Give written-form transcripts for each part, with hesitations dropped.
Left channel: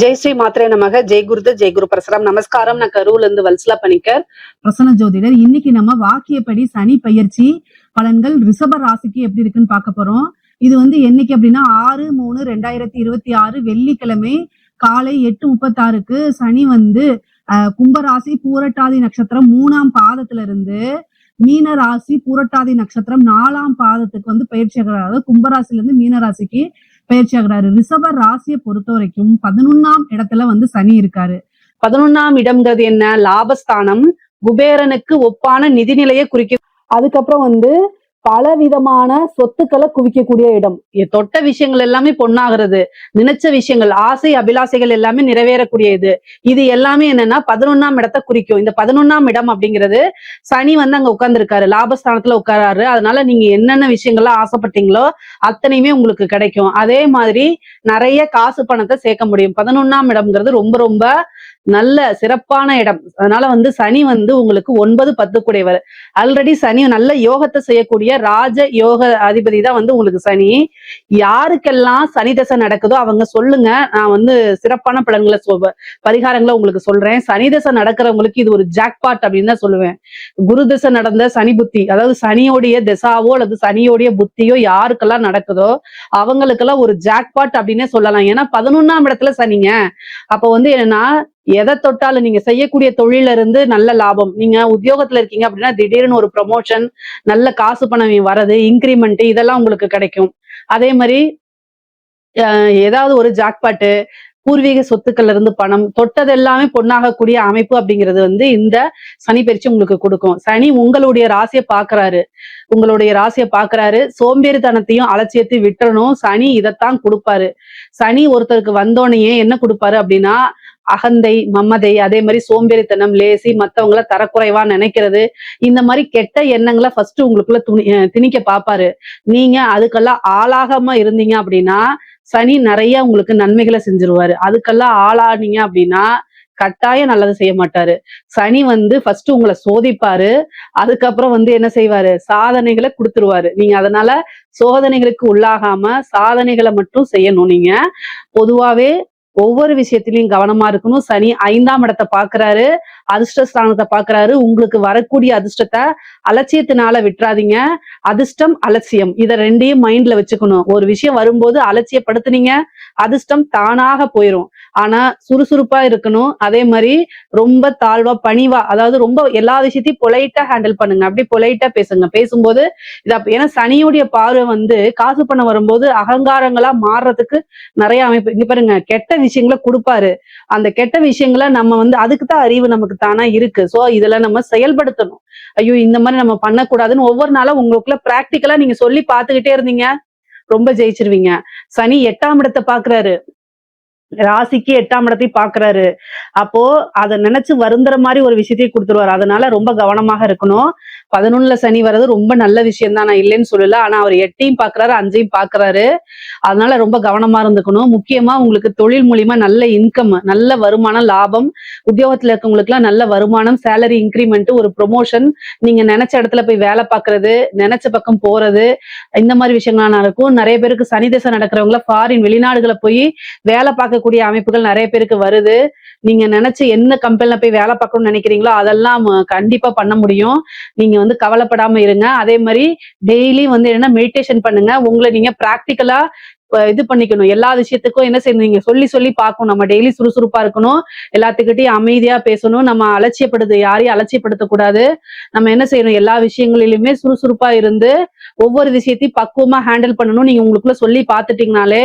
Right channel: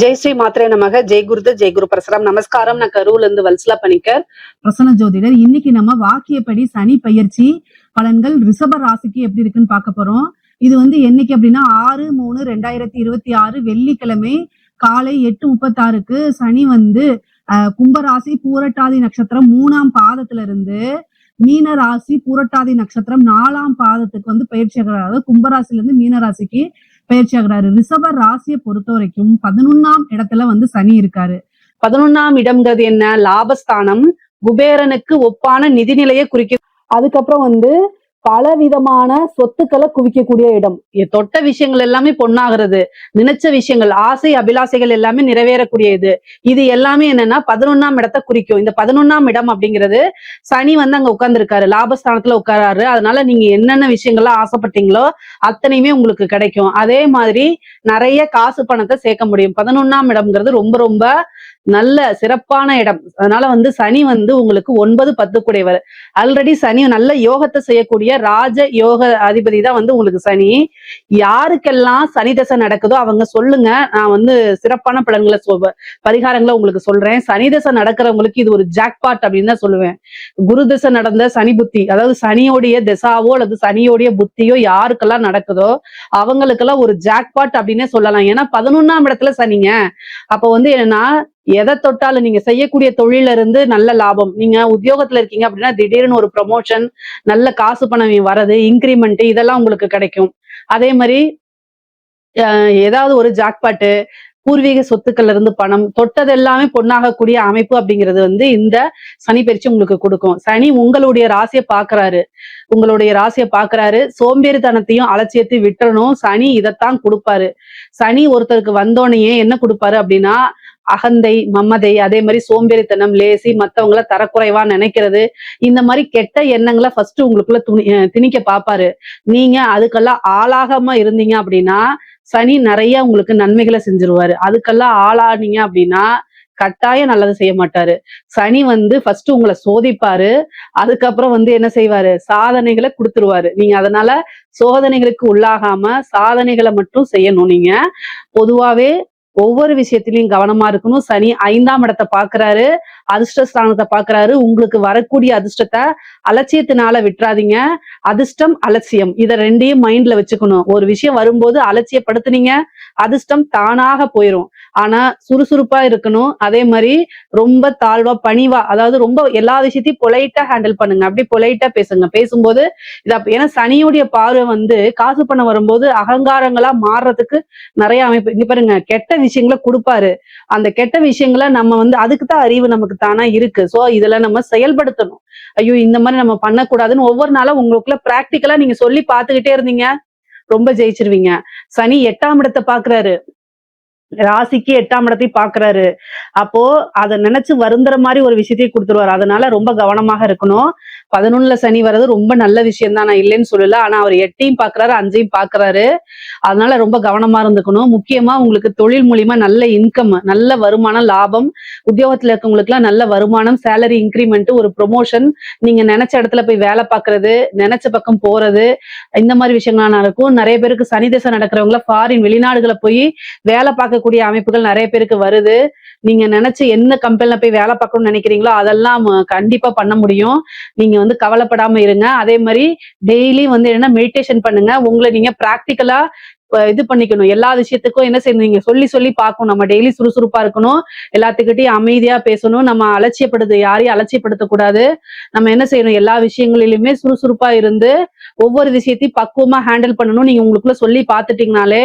ஜெய் ஸ்ரீ மாத்திரை நமக. ஜெய் குருது ஜெய் குரு பரசுராம். நமஸ்காரம். நான் கரூர்ல இருந்து வல்சலா பணிக்கர், பிரசன்ன ஜோதிடர். இன்னைக்கு நம்ம வாக்கியப்படி சனி பயிற்சி பலன்கள் ரிஷப ராசிக்கு எப்படி இருக்குன்னு பார்க்க போறோம். இது என்னைக்கு அப்படின்னா 6/3/2026 வெள்ளிக்கிழமை காலை 8:36க்கு சனி கும்பராசி பூரட்டாதி நட்சத்திரம் 3ஆம் பாதத்துல இருந்து மீன ராசி பூரட்டாதி நட்சத்திரம் 4ஆம் பாதத்துக்கு பயிற்சி ஆகிறார். அதாவது கும்பராசில இருந்து மீன ராசிக்கு பயிற்சி ஆகிறாரு. ரிஷப ராசியை பொறுத்த வரைக்கும் 11ஆம் இடத்துல சனி இருக்காரு. 11ஆம் இடம்ங்கிறது என்ன? லாபஸ்தானம். குபேரனுக்கு ஒப்பான நிதிநிலையை குறிக்க. அதுக்கப்புறம் பல விதமான சொத்துக்களை குவிக்கக்கூடிய இடம். தொட்ட விஷயங்கள் எல்லாமே பொண்ணாகிறது. நினைச்ச விஷயங்கள், ஆசை அபிலாசைகள் எல்லாமே நிறைவேறக்கூடியது. இது எல்லாமே என்னன்னா 11ஆம் இடத்தை குறிக்கும். இந்த 11ஆம் இடம் அப்படிங்கிறது சனி அங்க உட்கார்ந்து இருக்காரு, லாபஸ்தானத்துல உட்காராரு. அதனால நீங்க என்னென்ன விஷயங்கள்லாம் ஆசைப்பட்டீங்களோ அத்தனையுமே உங்களுக்கு கிடைக்கும். அதே மாதிரி நிறைய காசு பணத்தை சேர்க்க முடியும். 11ஆம் இடம்ங்கிறது ரொம்ப ரொம்ப நல்ல சிறப்பான இடம். அதனால சனி உங்களுக்கு 9, 10 கூடையவர். ஆல்ரெடி சனி நல்ல யோகத்தை செய்யக்கூடிய ராஜ யோக அதிபதி தான் உங்களுக்கு சனி. யாருக்கெல்லாம் சனி தசை நடக்குதோ அவங்க சொல்லுங்க, நான் சிறப்பான பலன்களை பரிகாரங்களை உங்களுக்கு சொல்றேன். சனி தசை நடக்கிறவங்களுக்கு இது ஒரு ஜாக்பாட் அப்படின்னு தான் சொல்லுவேன். குரு தசை நடந்த சனி புத்தி, அதாவது சனியோடைய திசாவோ அல்லது சனியோடைய புத்தியோ யாருக்கெல்லாம் நடக்குதோ அவங்களுக்கெல்லாம் ஒரு ஜாக்பாட் அப்படின்னு சொல்லலாம். ஏன்னா 11ஆம் இடத்துல சனிங்க. அப்போ என்னன்னா எதை தொட்டாலும் நீங்க செய்யக்கூடிய தொழில இருந்து நல்ல லாபம். நீங்க உத்தியோகத்துல இருக்கீங்க அப்படின்னா திடீர்னு ஒரு ப்ரொமோஷன், நல்ல காசு பணம் வரது, இன்கிரிமெண்ட் இதெல்லாம் உங்களுக்கு கிடைக்கும். அதே மாதிரி ஏதாவது ஒரு ஜாக்பாட்டு, பூர்வீக சொத்துக்கள்ல இருந்து பணம், தொட்டது எல்லாமே பொண்ணாகக்கூடிய அமைப்பு அப்படிங்கிறது இந்த சனி பயிற்சி உங்களுக்கு கொடுக்கும். சனி உங்களுடைய ராசியை பாக்குறாரு. சோம்பேறித்தனத்தையும் அலட்சியத்தையும் விட்டுறணும். சனி இதைத்தான் கொடுப்பாரு. சனி ஒருத்தருக்கு வந்தோடனே என்ன கொடுப்பாரு அப்படின்னா அகந்தை, மமதை, அதே மாதிரி சோம்பேறித்தனம், லேசி, மத்தவங்கள தரக்குறைவா நினைக்கிறது, இந்த மாதிரி கெட்ட எண்ணங்களை ஃபர்ஸ்ட் உங்களுக்குள்ள திணிக்க பாப்பாரு. நீங்க அதுக்கெல்லாம் ஆளாகாம இருந்தீங்க அப்படின்னா சனி நிறைய நன்மைகளை செஞ்சிருவாரு. அதுக்கெல்லாம் ஆளாதீங்க அப்படின்னா கட்டாயம் நல்லது செய்ய மாட்டாரு. சனி ஃபர்ஸ்ட் உங்களை சோதிப்பாரு. அதுக்கப்புறம் என்ன செய்வாரு? சாதனைகளை கொடுத்துருவாரு. நீங்க அதனால சோதனைகளுக்கு உள்ளாகாம சாதனைகளை மட்டும் செய்யணும். நீங்க பொதுவாவே ஒவ்வொரு விஷயத்திலையும் கவனமா இருக்கணும். சனி 5ஆம் இடத்தை பாக்குறாரு, அதிர்ஷ்டஸ்தானத்தை பாக்குறாரு. உங்களுக்கு வரக்கூடிய அதிர்ஷ்டத்தை அலட்சியத்தினால விட்டுறாதீங்க. அதிர்ஷ்டம், அலட்சியம் இதை ரெண்டையும் மைண்ட்ல வச்சுக்கணும். ஒரு விஷயம் வரும்போது அலட்சியப்படுத்துனீங்க, அதிர்ஷ்டம் தானாக போயிடும். ஆனா சுறுசுறுப்பா இருக்கணும். அதே மாதிரி ரொம்ப தாழ்வா பணிவா, அதாவது ரொம்ப எல்லா விஷயத்தையும் பொலைட்டா ஹேண்டில் பண்ணுங்க. அப்படி பொலைட்டா பேசுங்க. பேசும்போது ஏன்னா சனியுடைய பார்வை காசு பணம் வரும்போது அகங்காரங்களா மாறுறதுக்கு நிறைய அமைப்பு. இங்க பாருங்க, கெட்ட விஷயங்களை கொடுப்பாரு. அந்த கெட்ட விஷயங்களை நம்ம அதுக்குதான் அறிவு நமக்கு தானா இருக்கு. சோ இதுல நம்ம செயல்படுத்தணும். ஐயோ இந்த மாதிரி நம்ம பண்ணக்கூடாதுன்னு ஒவ்வொரு நாளும் உங்களுக்குள்ள பிராக்டிக்கலா நீங்க சொல்லி பார்த்துக்கிட்டே இருந்தீங்க, ரொம்ப ஜெயிச்சிருவீங்க. சனி 8ஆம் இடத்தை பாக்குறாரு, ராசிக்கு 8ஆம் இடத்தை பாக்குறாரு. அப்போ அதை நினைச்சு வருந்துற மாதிரி ஒரு விஷயத்தையும் கொடுத்துருவாரு. அதனால ரொம்ப கவனமாக இருக்கணும். 11ல சனி வர்றது ரொம்ப நல்ல விஷயம் தான், நான் இல்லைன்னு சொல்லல. ஆனா அவர் 8ஐயும் பாக்குறாரு, 5ஐயும் பாக்குறாரு. அதனால ரொம்ப கவனமா இருந்துக்கணும். முக்கியமா உங்களுக்கு தொழில் மூலியமா நல்ல இன்கம், நல்ல வருமானம், லாபம், உத்தியோகத்துல இருக்கவங்களுக்கு எல்லாம் நல்ல வருமானம், சேலரி இன்கிரிமெண்ட், ஒரு ப்ரொமோஷன், நீங்க நினைச்ச இடத்துல போய் வேலை பார்க்கறது, நினைச்ச பக்கம் போறது, இந்த மாதிரி விஷயங்கள்லாம் நடக்கும். நிறைய பேருக்கு சனி தசை நடக்கிறவங்கள ஃபாரின் வெளிநாடுகளை போய் வேலை பார்க்கக்கூடிய அமைப்புகள் நிறைய பேருக்கு வருது. நீங்க நினைச்ச என்ன கம்பெனில போய் வேலை பார்க்கணும்னு நினைக்கிறீங்களோ அதெல்லாம் கண்டிப்பா பண்ண முடியும். நீங்க கவலைப்படாம இருங்க. அதே மாதிரி டெய்லி என்ன மெடிடேஷன் பண்ணுங்க. உங்களை நீங்க பிராக்டிக்கலா இது பண்ணிக்கணும். எல்லா விஷயத்துக்கும் என்ன செய்யணும், நீங்க சொல்லி சொல்லி பார்க்கணும். நம்ம டெய்லி சுறுசுறுப்பா இருக்கணும், எல்லாத்துக்கிட்டையும் அமைதியா பேசணும். நம்ம யாரையும் அலட்சியப்படுத்தக்கூடாது. நம்ம என்ன செய்யணும், எல்லா விஷயங்களிலுமே சுறுசுறுப்பா இருந்து ஒவ்வொரு விஷயத்தையும் பக்குவமா ஹேண்டில் பண்ணணும். நீங்க உங்களுக்குள்ள சொல்லி பார்த்துட்டீங்கனாலே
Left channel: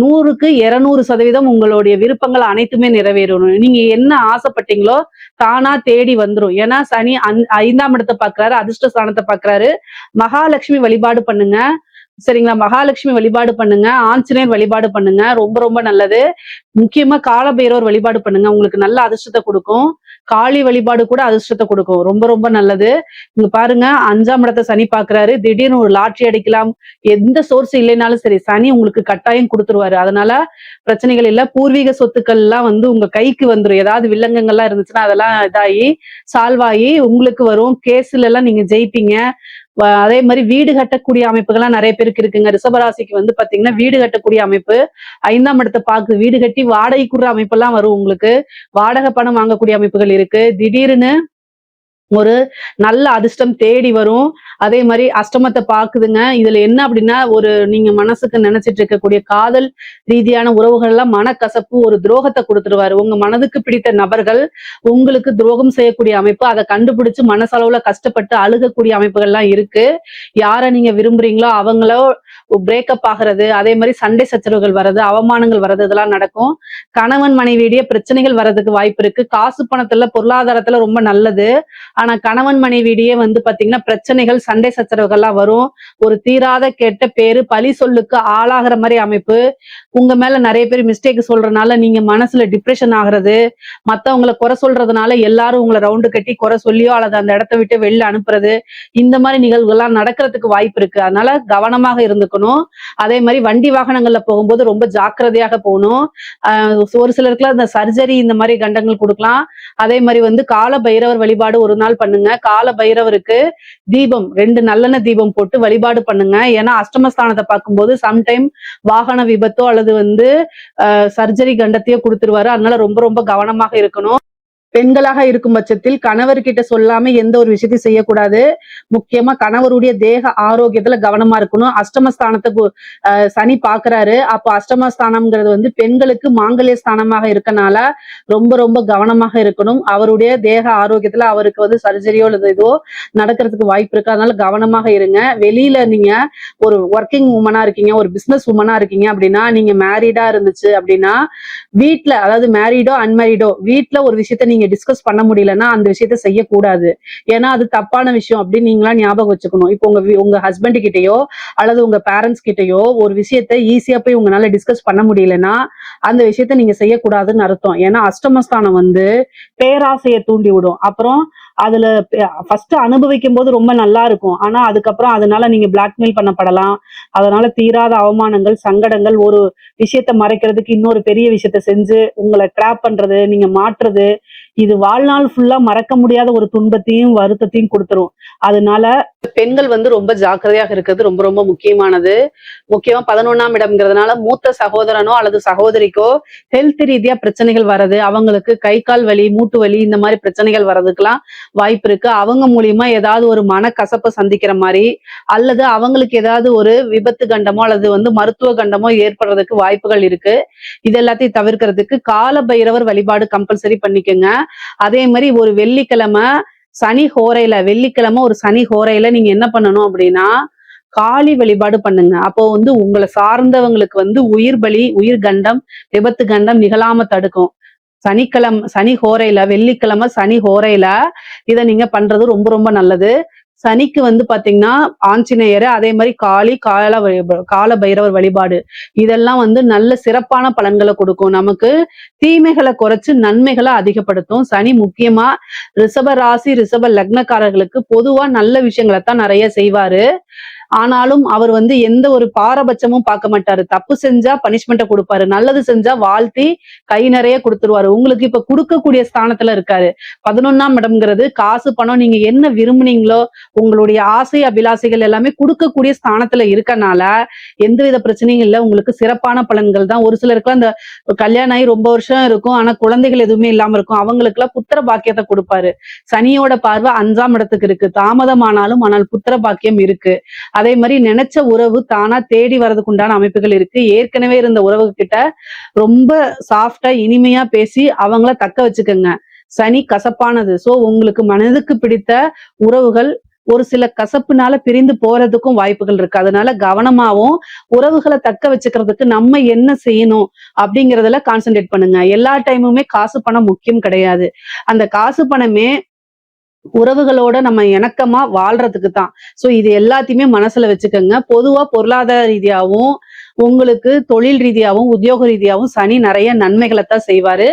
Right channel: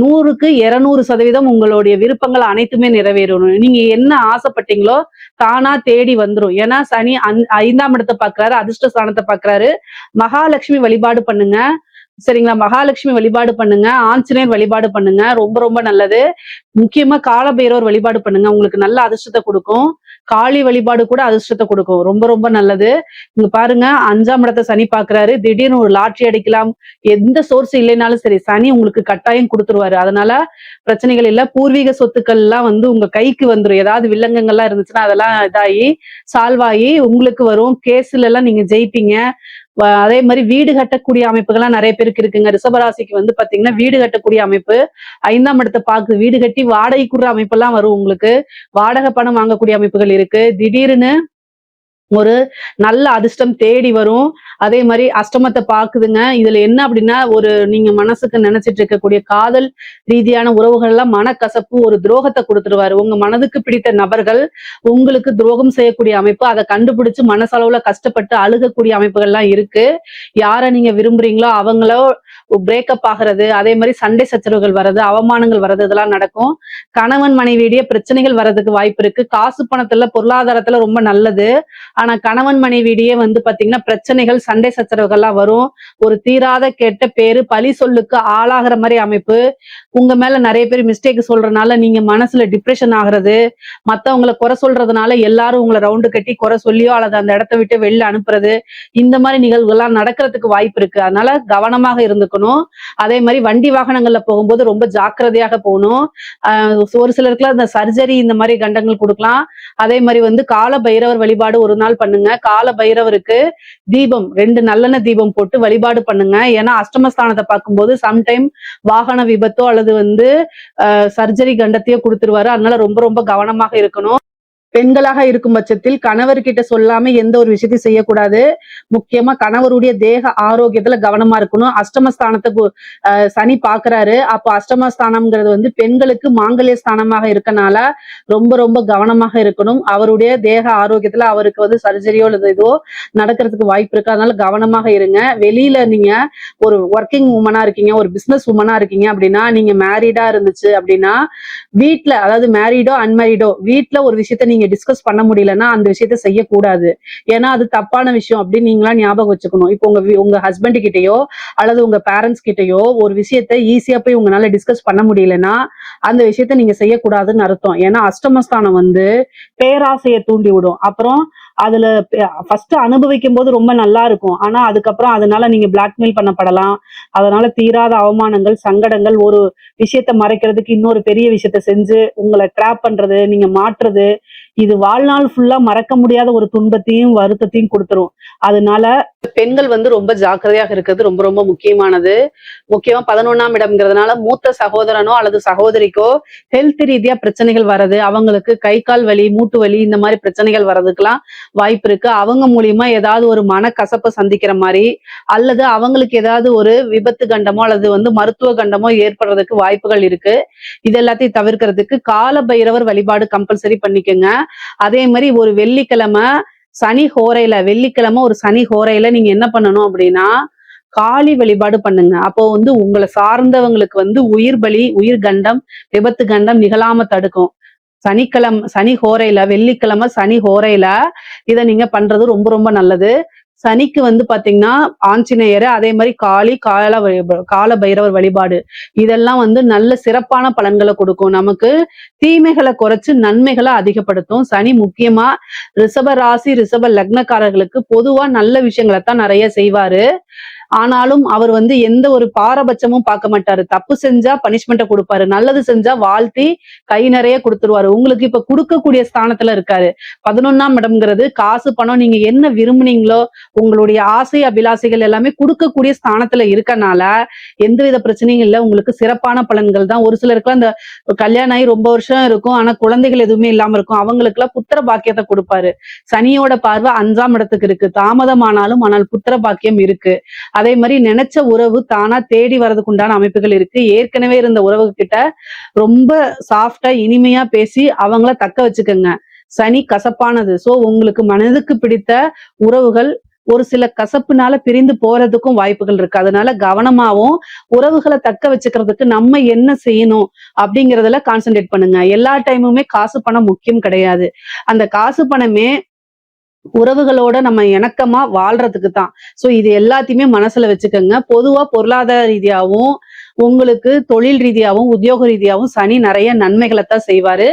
100க்கு 200% உங்களுடைய விருப்பங்கள் அனைத்துமே நிறைவேறணும். நீங்க என்ன ஆசைப்பட்டீங்களோ தானா தேடி வந்துரும். ஏன்னா சனி 5ஆம் இடத்தை பாக்குறாரு, அதிர்ஷ்ட ஸ்தானத்தை பாக்குறாரு. மகாலட்சுமி வழிபாடு பண்ணுங்க, சரிங்களா? மகாலட்சுமி வழிபாடு பண்ணுங்க, ஆஞ்சநேயர் வழிபாடு பண்ணுங்க, ரொம்ப ரொம்ப நல்லது. முக்கியமா காலபைரவர் வழிபாடு பண்ணுங்க, உங்களுக்கு நல்ல அதிர்ஷ்டத்தை கொடுக்கும். காளி வழிபாடு கூட அதிர்ஷ்டத்தை கொடுக்கும், ரொம்ப ரொம்ப நல்லது. இங்க பாருங்க, 5ஆம் இடத்தை சனி பாக்குறாரு. திடீர்னு ஒரு லாட்ரி அடிக்கலாம், எந்த சோர்ஸ் இல்லைனாலும் சரி சனி உங்களுக்கு கட்டாயம் கொடுத்துருவாரு. அதனால பிரச்சனைகள் இல்ல. பூர்வீக சொத்துக்கள் எல்லாம் உங்க கைக்கு வந்துடும். ஏதாவது வில்லங்கங்கள்லாம் இருந்துச்சுன்னா அதெல்லாம் இதாகி சால்வ் ஆகி உங்களுக்கு வரும். கேஸ்ல எல்லாம் நீங்க ஜெயிப்பீங்க. அதே மாதிரி வீடு கட்டக்கூடிய அமைப்புகள்லாம் நிறைய பேருக்கு இருக்குங்க. ரிஷபராசிக்கு வந்து பாத்தீங்கன்னா வீடு கட்டக்கூடிய அமைப்பு 5ஆம் இடத்தை பார்க்குது. வீடு கட்டி வாடகைக்குற அமைப்பெல்லாம் வரும் உங்களுக்கு. வாடகை பணம் வாங்கக்கூடிய அமைப்புகள் இருக்கு. திடீர்னு ஒரு நல்ல அதிர்ஷ்டம் தேடி வரும். அதே மாதிரி அஷ்டமத்தை பாக்குதுங்க. இதுல என்ன அப்படின்னா ஒரு நீங்க மனசுக்கு நினைச்சிட்டு இருக்கக்கூடிய காதல் ரீதியான உறவுகள் எல்லாம் மனக்கசப்பு, ஒரு துரோகத்தை கொடுத்துருவாரு. உங்க மனதுக்கு பிடித்த நபர்கள் உங்களுக்கு துரோகம் செய்யக்கூடிய அமைப்பு, அதை கண்டுபிடிச்சு மனசளவுல கஷ்டப்பட்டு அழுகக்கூடிய அமைப்புகள்லாம் இருக்கு. யாரை நீங்க விரும்புறீங்களோ அவங்களோ பிரேக்கப் ஆகிறது, அதே மாதிரி சண்டை சச்சரவுகள் வர்றது, அவமானங்கள் வர்றது, இதெல்லாம் நடக்கும். கணவன் மனைவியிடையே பிரச்சனைகள் வர்றதுக்கு வாய்ப்பு இருக்கு. காசு பணத்துல பொருளாதாரத்துல ரொம்ப நல்லது. ஆனா கணவன் மனைவியிடையே வந்து பாத்தீங்கன்னா பிரச்சனைகள், சண்டை சச்சரவுகள்லாம் வரும். ஒரு தீராத கெட்ட பேரு, பழி சொல்லுக்கு ஆளாகிற மாதிரி அமைப்பு. உங்க மேல நிறைய பேர் மிஸ்டேக் சொல்றதுனால நீங்க மனசுல டிப்ரெஷன் ஆகுறது, மத்தவங்களை குறை சொல்றதுனால எல்லாரும் உங்களை ரவுண்டு கட்டி குறை சொல்லியோ அல்லது அந்த இடத்த விட்டு வெளில அனுப்புறது, இந்த மாதிரி நிகழ்வுகள்லாம் நடக்கிறதுக்கு வாய்ப்பு இருக்கு. அதனால கவனமாக இருந்துக்கணும். அதே மாதிரி வண்டி வாகனங்கள்ல போகும்போது ரொம்ப ஜாக்கிரதையாக போகணும். ஒரு சிலருக்குலாம் இந்த சர்ஜரி இந்த மாதிரி கண்டங்கள் கொடுக்கலாம். அதே மாதிரி வந்து கால பைரவர் வழிபாடு ஒரு நாள் பண்ணுங்க. கால பைரவருக்கு தீபம் 2 நல்லெண்ணெய் தீபம் போட்டு வழிபாடு பண்ணுங்க. ஏன்னா அஷ்டமஸ்தானத்தை பார்க்கும்போது சம்டைம் வாகன விபத்தோ அல்லது வந்து சர்ஜரி கண்டத்தையோ கொடுத்துருவாரு. அதனால ரொம்ப ரொம்ப கவனமாக இருக்கணும். பெண்களாக இருக்கும் பட்சத்தில் கணவர்கிட்ட சொல்லாம எந்த ஒரு விஷயத்தையும் செய்யக்கூடாது. முக்கியமா கணவருடைய தேக ஆரோக்கியத்துல கவனமா இருக்கணும். அஷ்டமஸ்தானத்தை சனி பாக்குறாரு. அப்போ அஷ்டமஸ்தானம்ங்கிறது வந்து பெண்களுக்கு மாங்கல்ய ஸ்தானமாக இருக்கனால ரொம்ப ரொம்ப கவனமாக இருக்கணும். அவருடைய தேக ஆரோக்கியத்துல அவருக்கு வந்து சர்ஜரியோ அல்லது ஏதோ நடக்கிறதுக்கு வாய்ப்பு இருக்கு. அதனால கவனமாக இருங்க. வெளியில நீங்க ஒரு ஒர்க்கிங் உமனா இருக்கீங்க, ஒரு பிசினஸ் உமனா இருக்கீங்க அப்படின்னா, நீங்க மேரிடா இருந்துச்சு அப்படின்னா வீட்டுல, அதாவது மேரிடோ அன்மேரிடோ, வீட்டுல ஒரு விஷயத்த நீங்க டிஸ்கஸ் பண்ண முடியலன்னா அந்த விஷயத்த செய்யக்கூடாது. ஏன்னா அது தப்பான விஷயம் அப்படின்னு நீங்களா ஞாபகம் வச்சுக்கணும். இப்போ உங்க ஹஸ்பண்ட் கிட்டயோ அல்லது உங்க பேரண்ட்ஸ் கிட்டயோ ஒரு விஷயத்த ஈஸியா போய் உங்களால டிஸ்கஸ் பண்ண முடியலன்னா அந்த விஷயத்த நீங்க செய்யக்கூடாதுன்னு அர்த்தம். ஏன்னா அஷ்டமஸ்தானம் வந்து பேராசையை தூண்டி விடும். அப்புறம் அதுல ஃபர்ஸ்ட் அனுபவிக்கும் போது ரொம்ப நல்லா இருக்கும். ஆனா அதுக்கப்புறம் அதனால நீங்க பிளாக்மெயில் பண்ணப்படலாம். அதனால தீராத அவமானங்கள், சங்கடங்கள், ஒரு விஷயத்த மறைக்கிறதுக்கு இன்னொரு பெரிய விஷயத்த செஞ்சு உங்களை ட்ராப் பண்றது, நீங்க மாற்றுறது, இது வாழ்நாள் ஃபுல்லா மறக்க முடியாத ஒரு துன்பத்தையும் வருத்தத்தையும் கொடுத்துரும். அதனால பெண்கள் வந்து ரொம்ப ஜாக்கிரதையாக இருக்கிறது ரொம்ப ரொம்ப முக்கியமானது. முக்கியமா 11ஆம் இடம்ங்கிறதுனால மூத்த சகோதரனோ அல்லது சகோதரிக்கோ ஹெல்த் ரீதியா பிரச்சனைகள் வர்றது, அவங்களுக்கு கை கால் வலி, மூட்டு வலி, இந்த மாதிரி பிரச்சனைகள் வர்றதுக்கெல்லாம் வாய்ப்பு இருக்கு. அவங்க மூலியமா ஏதாவது ஒரு மனக்கசப்பை சந்திக்கிற மாதிரி அல்லது அவங்களுக்கு ஏதாவது ஒரு விபத்து கண்டமோ அல்லது வந்து மருத்துவ கண்டமோ ஏற்படுறதுக்கு வாய்ப்புகள் இருக்கு. இது எல்லாத்தையும் தவிர்க்கிறதுக்கு கால பைரவர் வழிபாடு கம்பல்சரி பண்ணிக்கோங்க. அதே மாதிரி ஒரு வெள்ளிக்கிழமை சனி ஹோரையில, வெள்ளிக்கிழமை ஒரு சனி ஹோரையில நீங்க என்ன பண்ணணும் அப்படின்னா காளி வழிபாடு பண்ணுங்க. அப்போ வந்து உங்களை சார்ந்தவங்களுக்கு வந்து உயிர் பலி, உயிர் கண்டம், விபத்து கண்டம் நிகழாம தடுக்கும். சனி ஹோரையில, வெள்ளிக்கிழமை சனி ஹோரையில இதை நீங்க பண்றது ரொம்ப ரொம்ப நல்லது. சனிக்கு வந்து பாத்தீங்கன்னா ஆஞ்சநேயர், அதே மாதிரி கால பைரவர் வழிபாடு, இதெல்லாம் வந்து நல்ல சிறப்பான பலன்களை கொடுக்கும். நமக்கு தீமைகளை குறைச்சு நன்மைகளை அதிகப்படுத்தும். சனி முக்கியமா ரிஷப ராசி, ரிஷப லக்னக்காரர்களுக்கு பொதுவா நல்ல விஷயங்களை தான் நிறைய செய்வாரு. ஆனாலும் அவர் வந்து எந்த ஒரு பாரபட்சமும் பார்க்க மாட்டாரு. தப்பு செஞ்சா பனிஷ்மெண்ட்டை கொடுப்பாரு, நல்லது செஞ்சா வாழ்த்தி கை நிறைய கொடுத்துருவாரு. உங்களுக்கு இப்ப கொடுக்கக்கூடிய ஸ்தானத்துல இருக்காரு. 11ஆம் இடம்ங்கிறது காசு பணம், நீங்க என்ன விரும்புனீங்களோ உங்களுடைய ஆசை அபிலாசைகள் எல்லாமே கொடுக்கக்கூடிய ஸ்தானத்துல இருக்கனால எந்தவித பிரச்சனையும் இல்லை. உங்களுக்கு சிறப்பான பலன்கள் தான். ஒரு சிலருக்குலாம் இந்த கல்யாணம் ஆகி ரொம்ப வருஷம் இருக்கும் ஆனா குழந்தைகள் எதுவுமே இல்லாம இருக்கும். அவங்களுக்கு எல்லாம் புத்திர பாக்கியத்தை கொடுப்பாரு. சனியோட பார்வை 5ஆம் இடத்துக்கு இருக்கு. தாமதமானாலும் ஆனால் புத்திர பாக்கியம் இருக்கு. அதே மாதிரி நினைச்ச உறவு தானா தேடி வர்றதுக்கு உண்டான அமைப்புகள் இருக்கு. ஏற்கனவே இருந்த உறவு கிட்ட ரொம்ப சாஃப்டா இனிமையா பேசி அவங்கள தக்க வச்சுக்கோங்க. சனி கசப்பானது. சோ உங்களுக்கு மனதுக்கு பிடித்த உறவுகள் ஒரு சில கசப்புனால பிரிந்து போறதுக்கும் வாய்ப்புகள் இருக்கு. அதனால கவனமாவும் உறவுகளை தக்க வச்சுக்கிறதுக்கு நம்ம என்ன செய்யணும் அப்படிங்கறதுல கான்சென்ட்ரேட் பண்ணுங்க. எல்லா டைமுமே காசு பணம் முக்கியம் கிடையாது. அந்த காசு பணமே உறவுகளோட நம்ம இணக்கமா வாழ்றதுக்கு தான். சோ இது எல்லாத்தையுமே மனசுல வச்சுக்கோங்க. பொருளாதார ரீதியாகவும் உங்களுக்கு தொழில் ரீதியாகவும் உத்தியோக ரீதியாகவும் சனி நிறைய நன்மைகளை தான் செய்வாரு.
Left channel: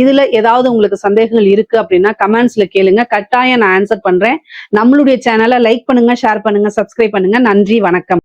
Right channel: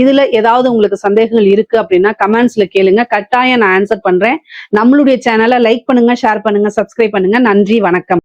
இதுல ஏதாவது உங்களுக்கு சந்தேகங்கள் இருக்கு அப்படின்னா கமெண்ட்ஸ்ல கேளுங்க, கட்டாயம் நான் ஆன்சர் பண்றேன். நம்மளுடைய சேனலை லைக் பண்ணுங்க, ஷேர் பண்ணுங்க, சப்ஸ்கிரைப் பண்ணுங்க. நன்றி, வணக்கம்.